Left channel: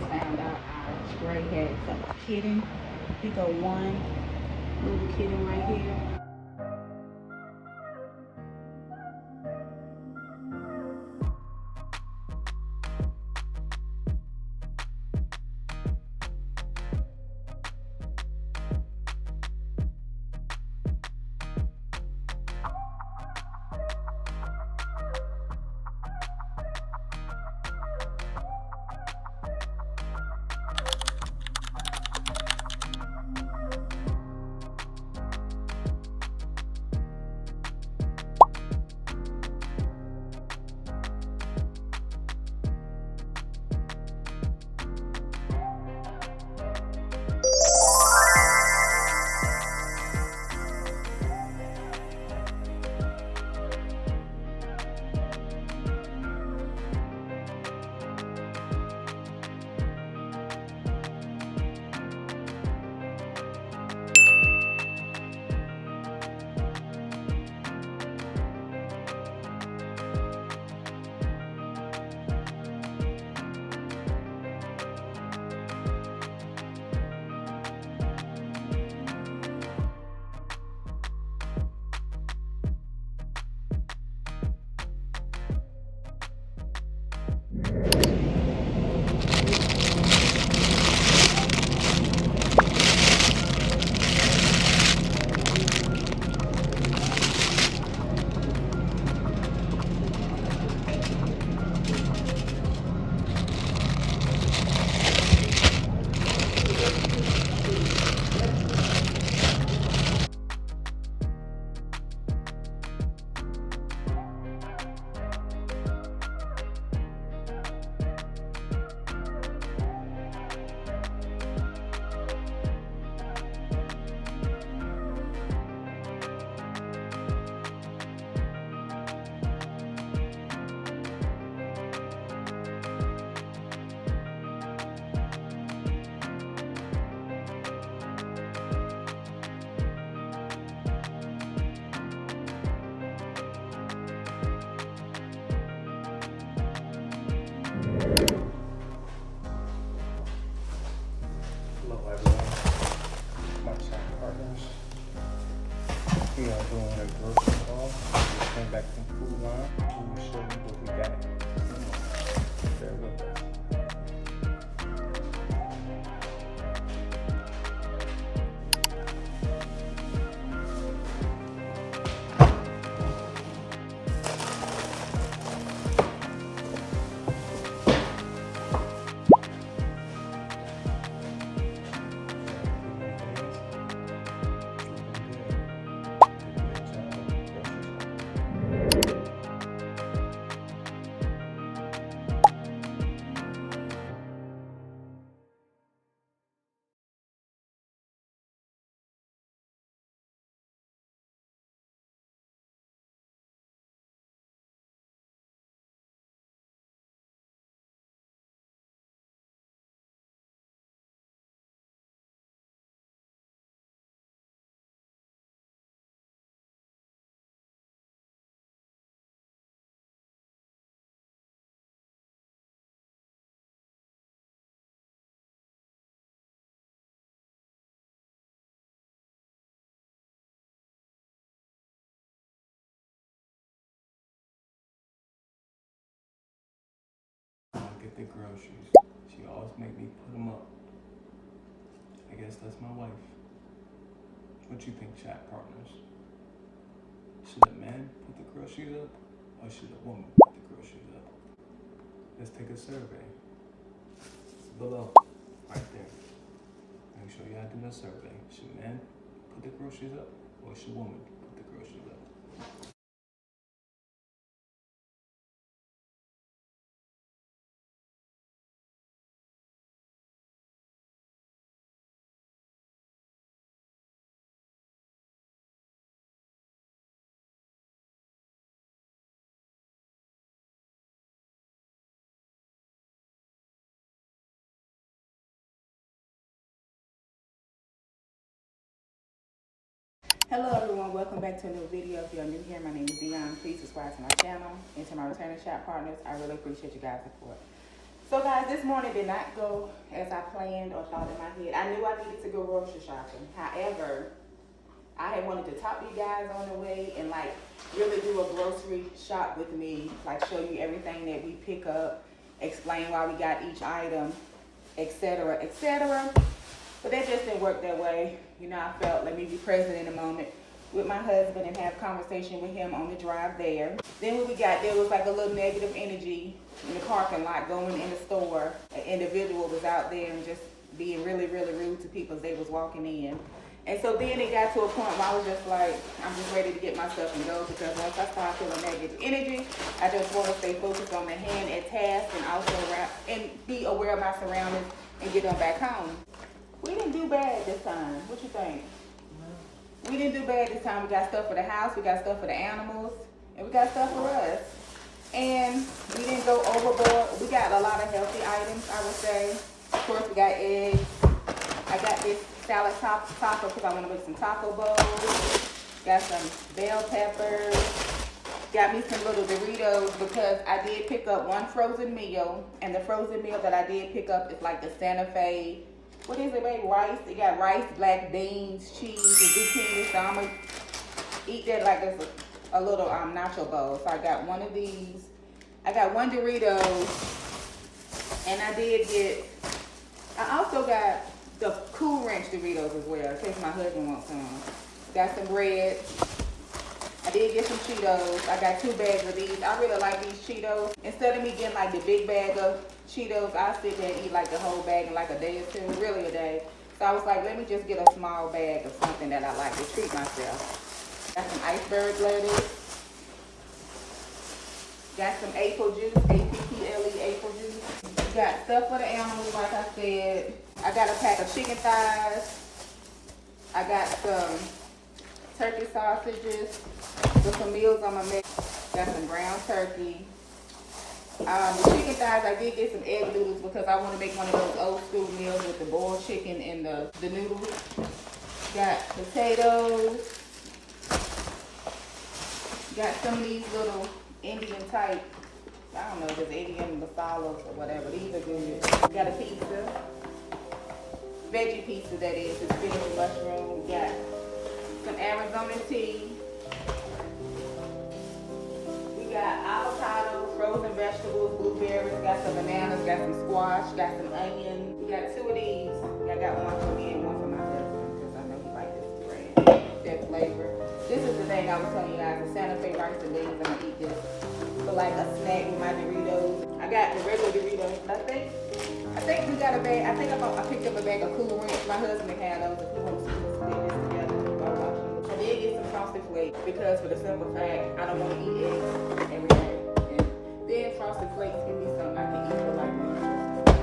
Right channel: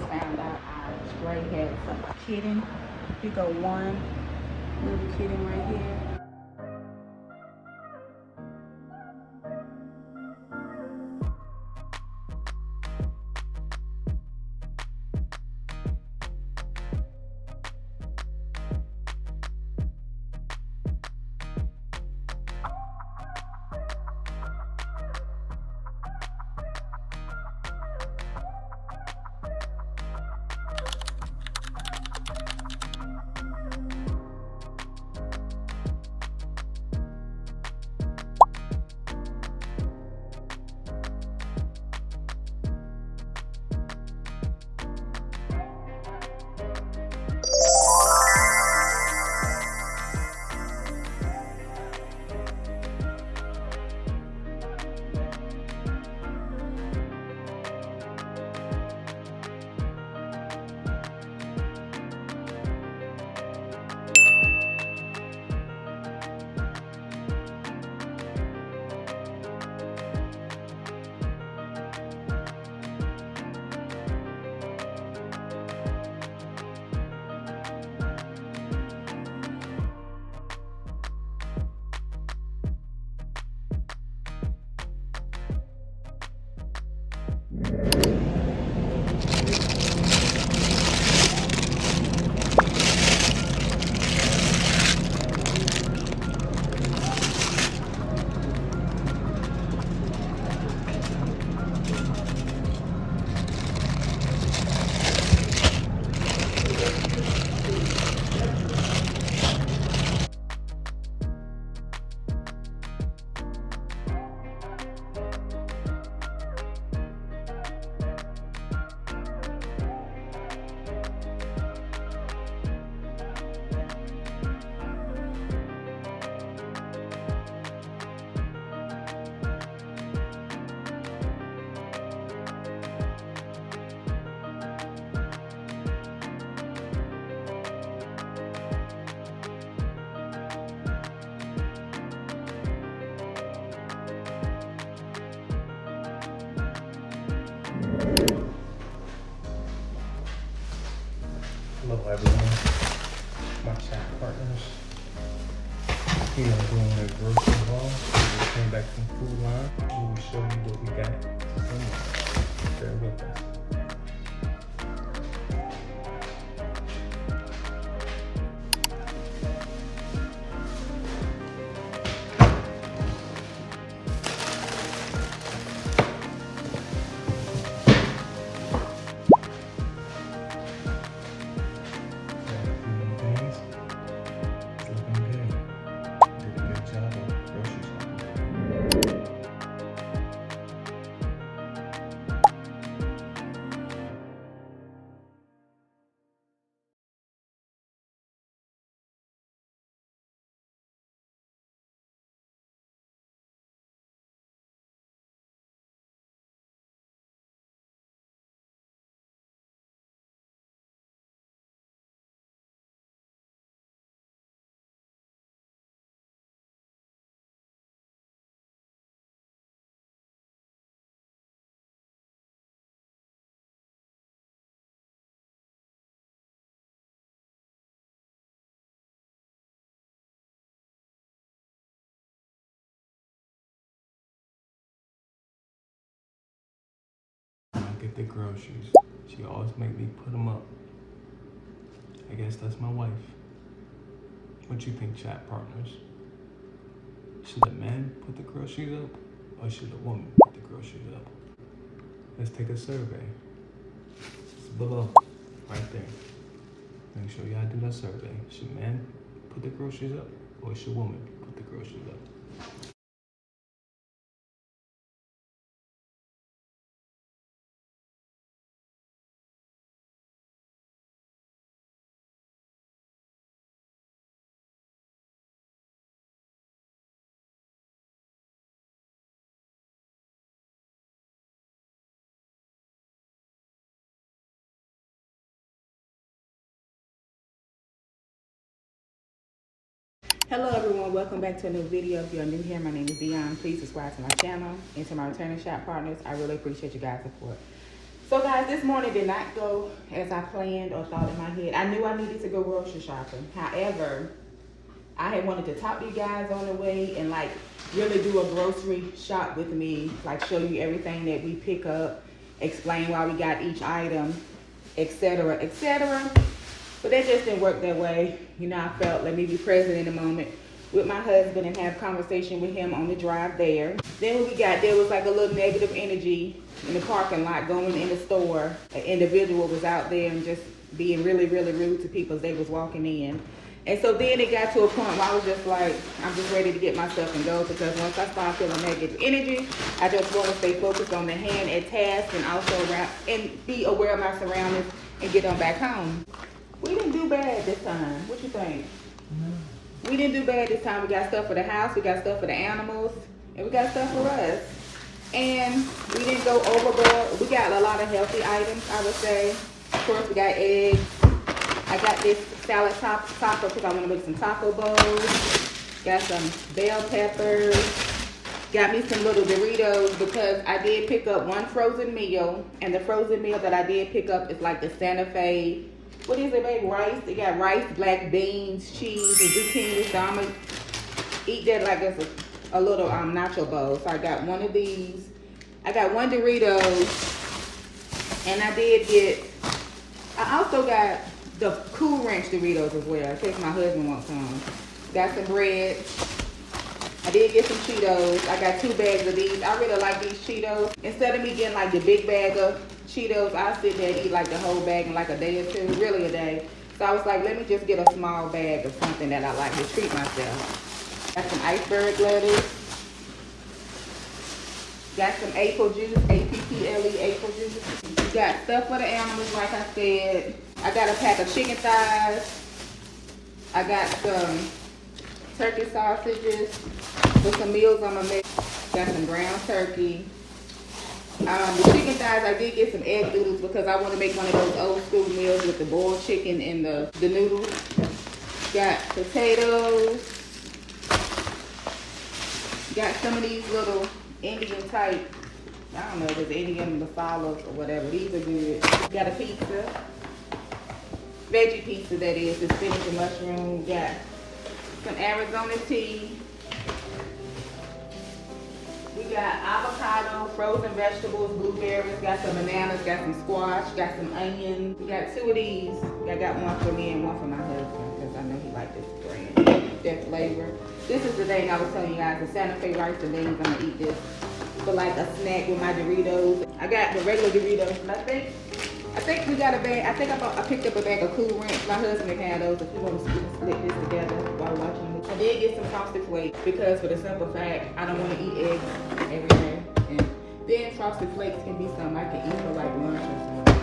just found out our stray had some kitten. Pick up one little kitten right here. Hello everyone, my chat partners here are doing a grocery haul. We came back from Food Line and we show you what we got. Bear with us. Get the groceries. She always make me put them up. I guess that's my wife. What you think, chat partners? Should a man put the groceries up, or should a woman put the groceries up? Let's take a survey. It's below, right there. Make sure y'all do that survey. Should man put the groceries up, or should woman put the groceries up? Hello everyone, welcome back to a new video. If you're new here, my name is Dionne. Please subscribe to my channel and to my returning shop partners. I really appreciate you guys' support. So guys, this morning did not go as I planned or thought in my head. I knew I needed to go grocery shopping. However, I had wanted to talk to you guys on the way and like really do a grocery shop with me, like show you everything that we pick up, explain why we got each item, etc., etc. But that just didn't work that way. You know, I felt let me be present in the moment with my husband and have conversation with him on the drive there. Then when we got there, was like a little negative energy in the parking lot going in the store. An individual was out there and just being really, really rude to people as they was walking in. And so then it got to a point where I was just like, I'm just ready to get myself and go, because once I start feeling negative energy, I just want to stay focused on the hand at task and also be aware of my surroundings and get on back home. We didn't do bad this time. What you think? We didn't do bad this time. We got stuff for the house, we got stuff for the animals, and we got stuff for us. And we didn't go overboard. We got a lot of healthy items, I would say. Of course, we got eggs. I got this salad taco because I want to make some taco bowls. Got some bell peppers. Got me some little Doritos because I did pick up one frozen meal. And the frozen meal that I did pick up is like the Santa Fe. What is it, babe? Rice. It got rice, black beans, cheese, and zucchini. So I'm going to eat that like it's a little nacho bowl. So I got one of these. I got one Doritos. And I also got the Cool Ranch Doritos as well, in case my husband wants some. Got some bread. I did get some Cheetos. I got 2 bags of these. I really like these Cheetos. Instead of me getting like the big bag of Cheetos, I sit there and eat like the whole bag in like a day or two, really a day. So I was like, let me just get a small bag of something that I like to treat myself. Got some iceberg lettuce. Got some apple juice, APPLE apple juice. Got stuff for the animals, like I said. I got a pack of chicken thighs. I got some turkey sausages with some meals on my mix. Got some ground turkey. The chicken thighs, I did get some egg noodles because I want to make one of those old school meals with the boiled chicken and the noodles. Got potatoes. Got some of these little Indian type, I don't know if it's Indian masalas or whatever. These are good. Got a pizza. Veggie pizza, that is. It's spinach and mushroom. Got some Arizona tea. We got avocado, frozen vegetables, blueberries. Got some bananas. Got some squash. Got some onions. We got 2 of these. I got one for me and one for my husband because I know he likes this brand, that flavor. This is the thing I was telling you guys, the Santa Fe rice and beans. I'm gonna eat this for like a snack with my Doritos. I got the regular Doritos. I think we got a bag. I picked up a bag of Cool Ranch. My husband had those if he wants to split this together while we're watching the movie. I did get some Frosted Flakes because for the simple fact, I don't want to eat eggs every day. And then Frosted Flakes can be something I can eat for like lunch or something.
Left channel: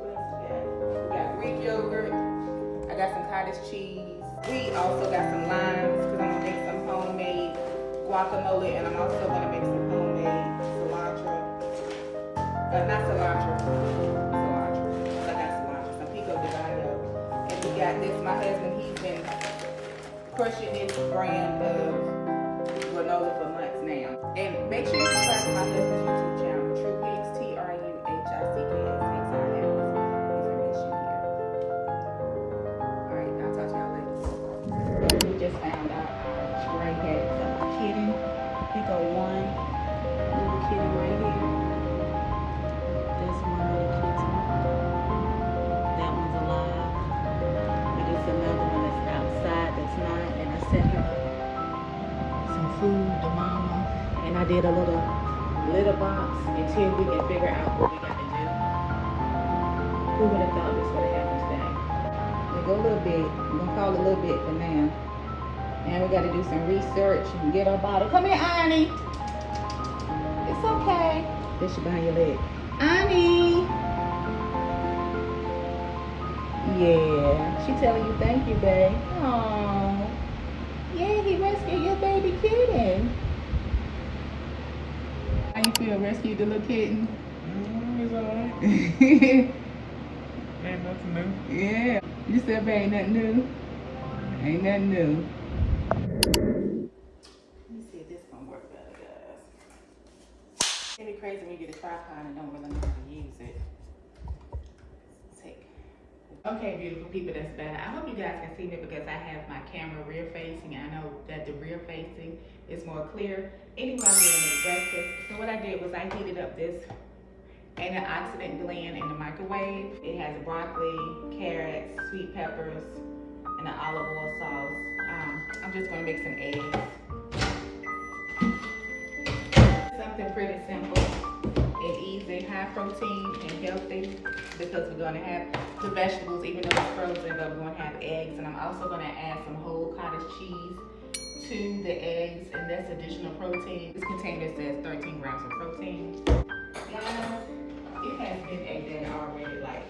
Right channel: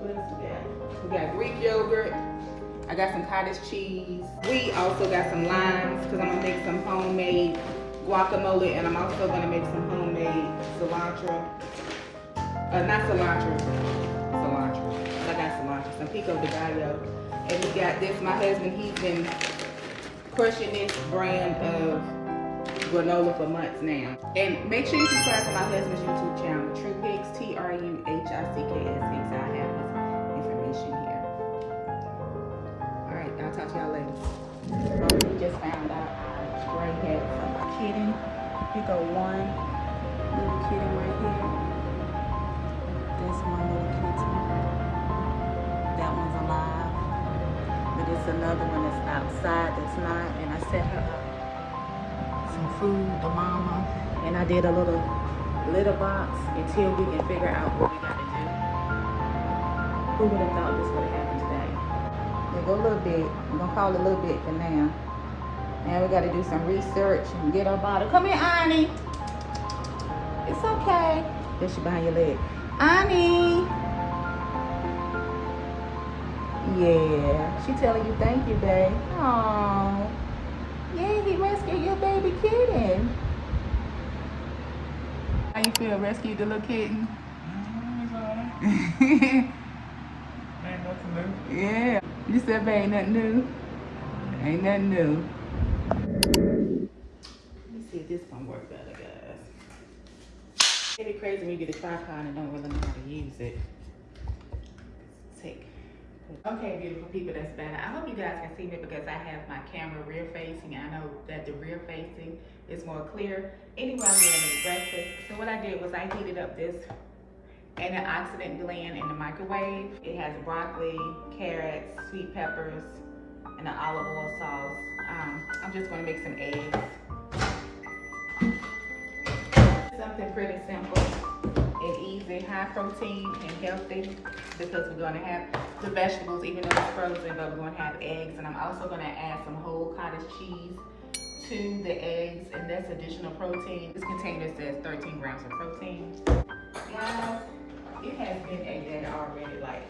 What else we got? We got Greek yogurt. I got some cottage cheese. We also got some limes because I'm going to make some homemade guacamole, and I'm also going to make some homemade cilantro. Not cilantro. Cilantro. I got cilantro. Some pico de gallo. And we got this. My husband, he's been crushing this brand of granola for months now. And make sure you subscribe to my husband's YouTube channel, True Hicks, TruHicks. I have his information here. Alright, I'll talk to y'all later. We just found out Spring had some Kitten. Pick up one little kitten right here. This one little kitten. That one's alive. And there's another one that's outside that's not. And I sent her some food, the mama. And I did a little litter box until we can figure out what we got to do. Who would have thought this would have happened today? Go a little bit. I'm gonna call it a little bit for now. Now we gotta do some research and get her bottle. Come here, Annie. It's okay. This is behind your leg. Annie. Yeah. She telling you thank you, babe. Aww. Yeah, he rescued your baby kitten. How you feel? Rescued the little kitten? It's alright. Ain't nothing new. Yeah. You said, babe, ain't nothing new? Ain't nothing new. Let's see if this gonna work better, guys. Baby crazy when you get a tripod and don't really know how to use it. Okay, beautiful people, that's better. I hope you guys can see me because I have my camera rear facing. I know that the rear facing is more clear. Anyway, I'm gonna make breakfast. So what I did was I heated up this antioxidant blend in the microwave. It has broccoli, carrots, sweet peppers, and an olive oil sauce. I'm just gonna make some eggs. Something pretty simple and easy, high protein and healthy, because we're gonna have the vegetables, even though it's frozen, but we're gonna have eggs. And I'm also gonna add some whole cottage cheese to the eggs, and that's additional protein. This container says 13 grams of protein. Guys, it has been a day already. Like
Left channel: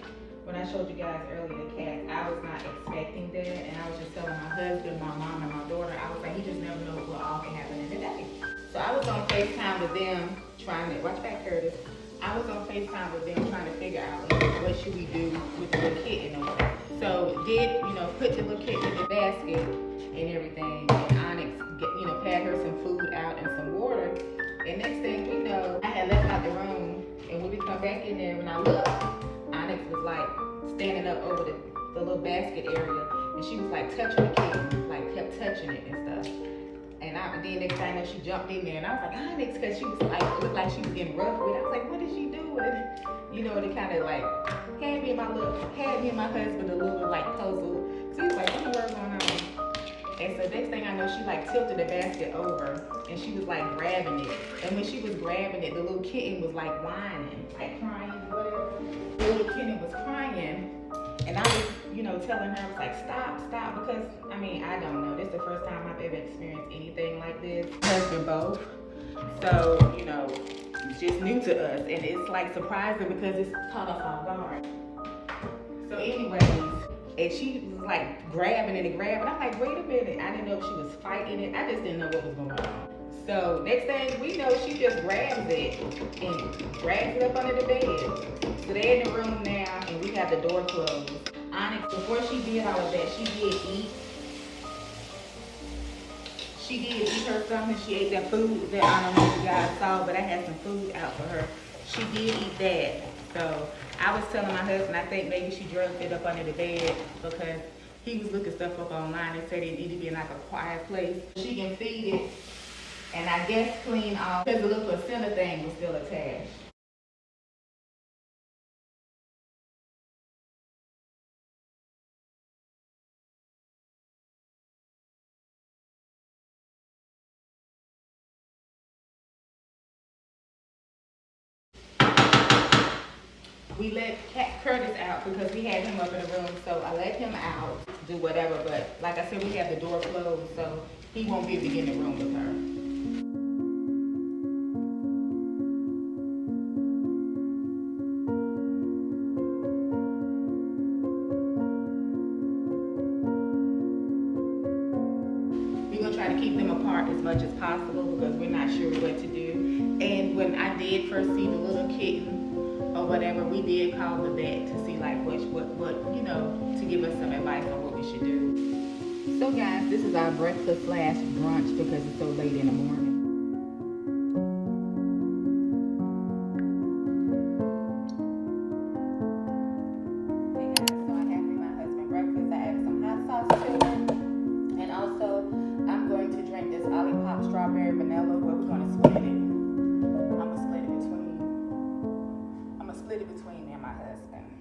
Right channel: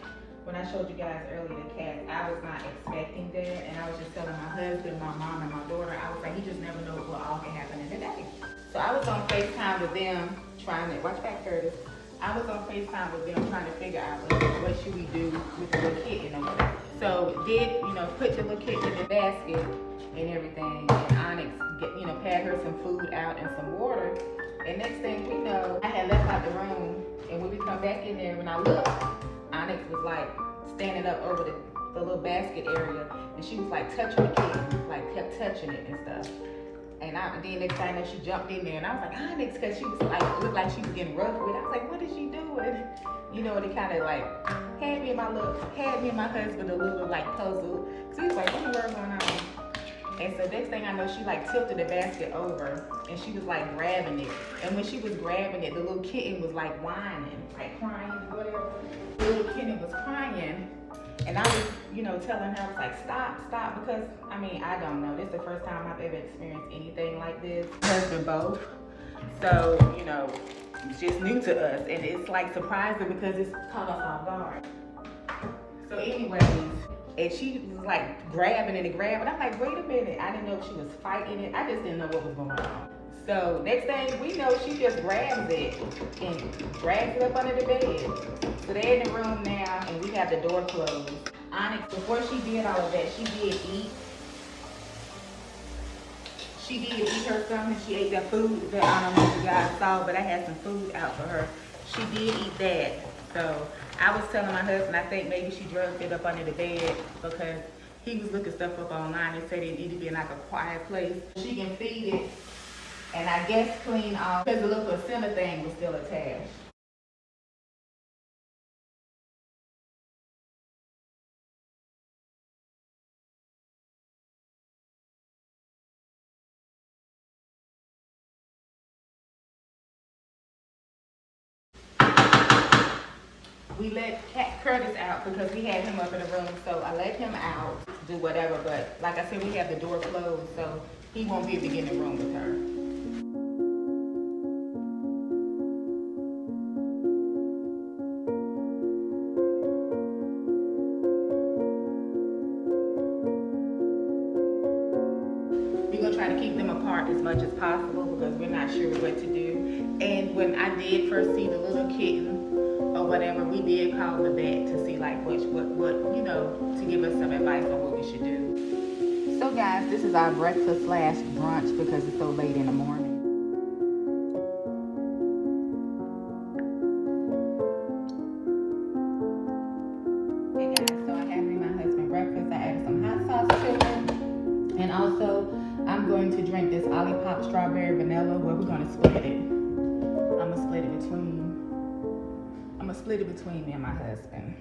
when I showed you guys earlier the cat, I was not expecting that, and I was just telling my husband, my mom, and my daughter, I was like, he just never knows what all can happen in a day. So I was on FaceTime with them trying to, watch back Curtis, I was on FaceTime with them trying to figure out what should we do with the little kitten or whatever. So put the little kitten in the basket and everything, and Onyx, pad her some food out and some water. And next thing we know, I had left out the room, and when we come back in there, when I looked, Onyx was like standing up over the little basket area, and she was like touching the kitten, like kept touching it and stuff. And then next time that she jumped in there, and I was like, Onyx, because she was like, it looked like she was getting rough with it. I was like, what is she doing? And it kind of like had me and my husband a little like puzzled. So he was like, what the word going on? And so next thing I know, she like tilted the basket over, and she was like grabbing it. And when she was grabbing it, the little kitten was like whining, like crying, whatever. The little kitten was crying. And I was, telling her, I was like, stop, because, I don't know. This is the first time I've ever experienced anything like this. Husband both. So, it's just new to us. And it's like surprising because it's caught us off guard. So anyways, and she was like grabbing it. I'm like, wait a minute. I didn't know if she was fighting it. I just didn't know what was going on. So next thing we know, she just grabs it and drags it up under the bed. So they're in the room now, and we have the door closed. Onyx, before she did all of that, she did eat. She did eat her something. She ate that food that I don't know if you guys saw, but I had some food out for her. She did eat that. So I was telling my husband, I think maybe she drugged it up under the bed because he was looking stuff up online and said it needed to be in like a quiet place. She can feed it. And I guess clean off, because the little placenta thing was still attached. We let Curtis out because we had him up in the room, so I let him out, do whatever, but like I said, we have the door closed, so he won't be able to get in the room with her. We're gonna try to keep them apart as much as possible because we're not sure what to do. And when I did first see the little kitten or whatever, we did call the vet to see like what to give us some advice on what we should do. So guys, this is our breakfast / brunch because it's so late in the morning. Hey guys, so I have me my husband breakfast. I added some hot sauce to it. And also, I'm going to drink this Olipop strawberry vanilla. Well, we're going to split it. I'm going to split it between me and my husband.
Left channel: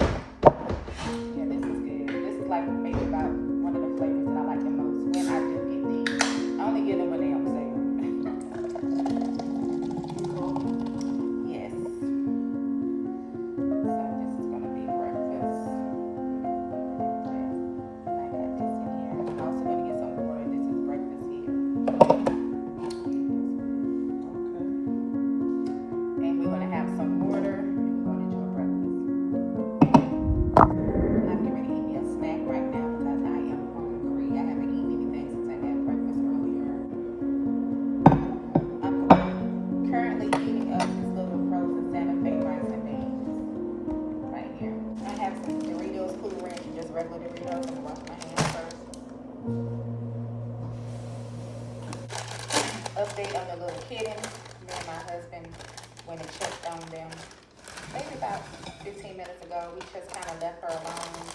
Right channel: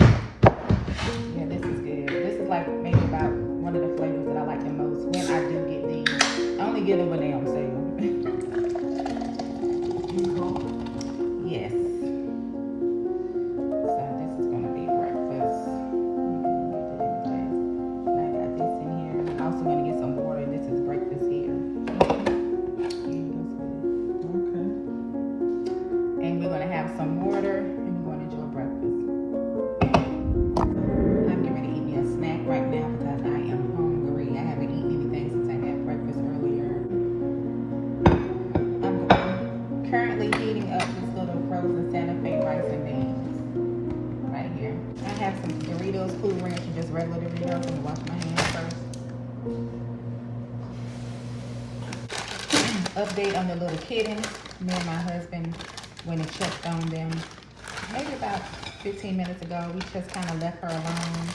Yeah, this is good. This is like maybe about one of the flavors that I like the most when I do get these. I only get them when they're on sale. Yes. So this is going to be breakfast. I got this in here. I'm also going to get some water. This is breakfast here. Okay. And we're going to have some water, and we're going to enjoy breakfast. I'm getting ready to eat me a snack right now because I am hungry. I haven't eaten anything since I had breakfast earlier. I'm currently heating up this little frozen Santa Fe rice and beans right here. I have some Doritos, Cool Ranch, and just regular Doritos. I'm going to wash my hands first. Update on the little kittens. Me and my husband went and checked on them maybe about 15 minutes ago. We just kind of left her alone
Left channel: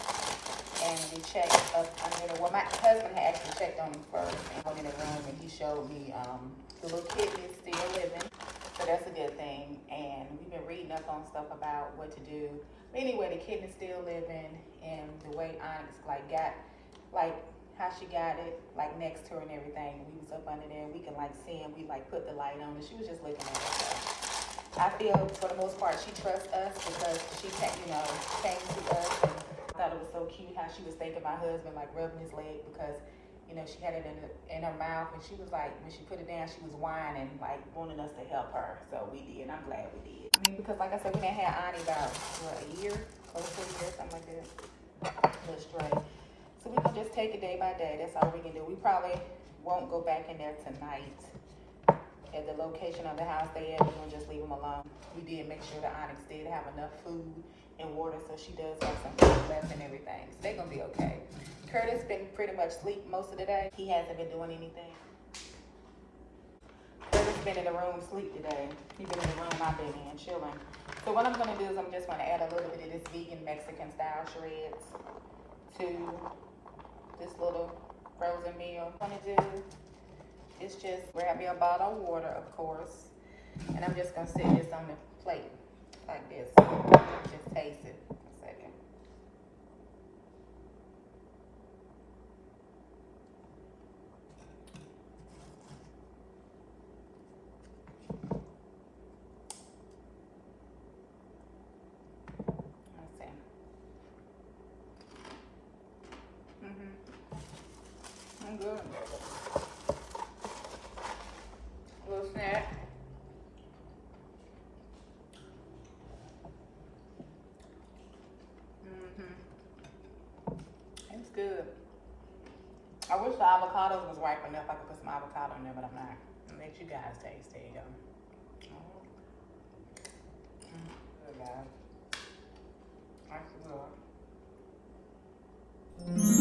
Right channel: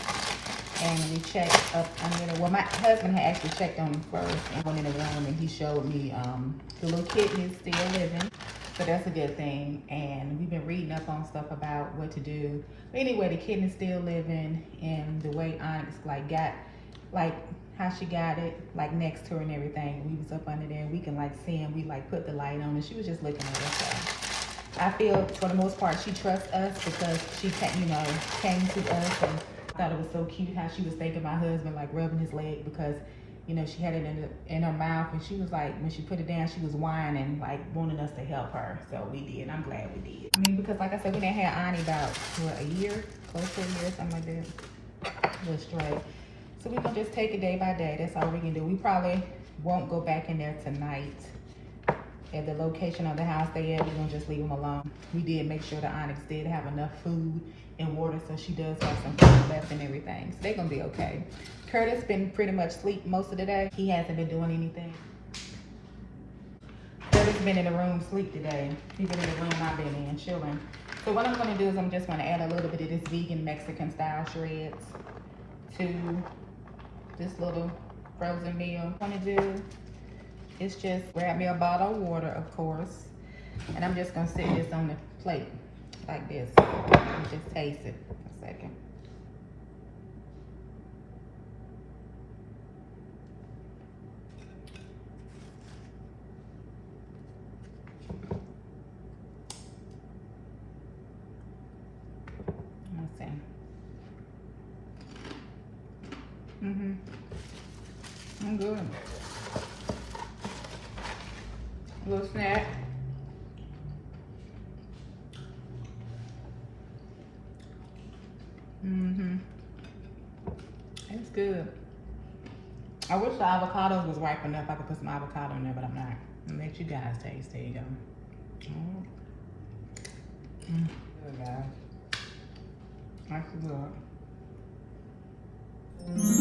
and we checked up under there. Well, my husband had actually checked on him first and went in the room and he showed me the little kitten is still living. So that's a good thing. And we've been reading up on stuff about what to do. But anyway, the kitten is still living, and the way Onyx got how she got it next to her and everything. We was up under there and we can see him. We put the light on and she was just looking at us. So I feel for the most part she trusts us because she came to us, and thought it was so cute how she was thanking my husband, rubbing his leg because she had it in her mouth, and she was when she put it down, she was whining, wanting us to help her. So we did. I'm glad we did. I mean, because like I said, we didn't have Ani about what, a year, close to a year, something like that. We're straight. So we can just take it day by day. That's all we can do. We probably won't go back in there tonight at the location of the house they at. We're gonna just leave them alone. We did make sure that Onyx did have enough food and water, so she does have some food left and everything. So they're gonna be okay. Curtis been pretty much asleep most of the day. He hasn't been doing anything. Curtis been in the room asleep today. He's been in the room I've been in, chilling. So what I'm gonna do is I'm just gonna add a little bit of this vegan Mexican style shreds to this little frozen meal. What I'm gonna do is just grab me a bottle of water, of course, and I'm just gonna sit this on the plate like this and just taste it for a second. Let's see. I'm good. A little snack. It's good. I wish the avocados was ripe enough. I could put some avocado in there, but I'm not. I'll let you guys taste. There you go. Good, guys. That's good.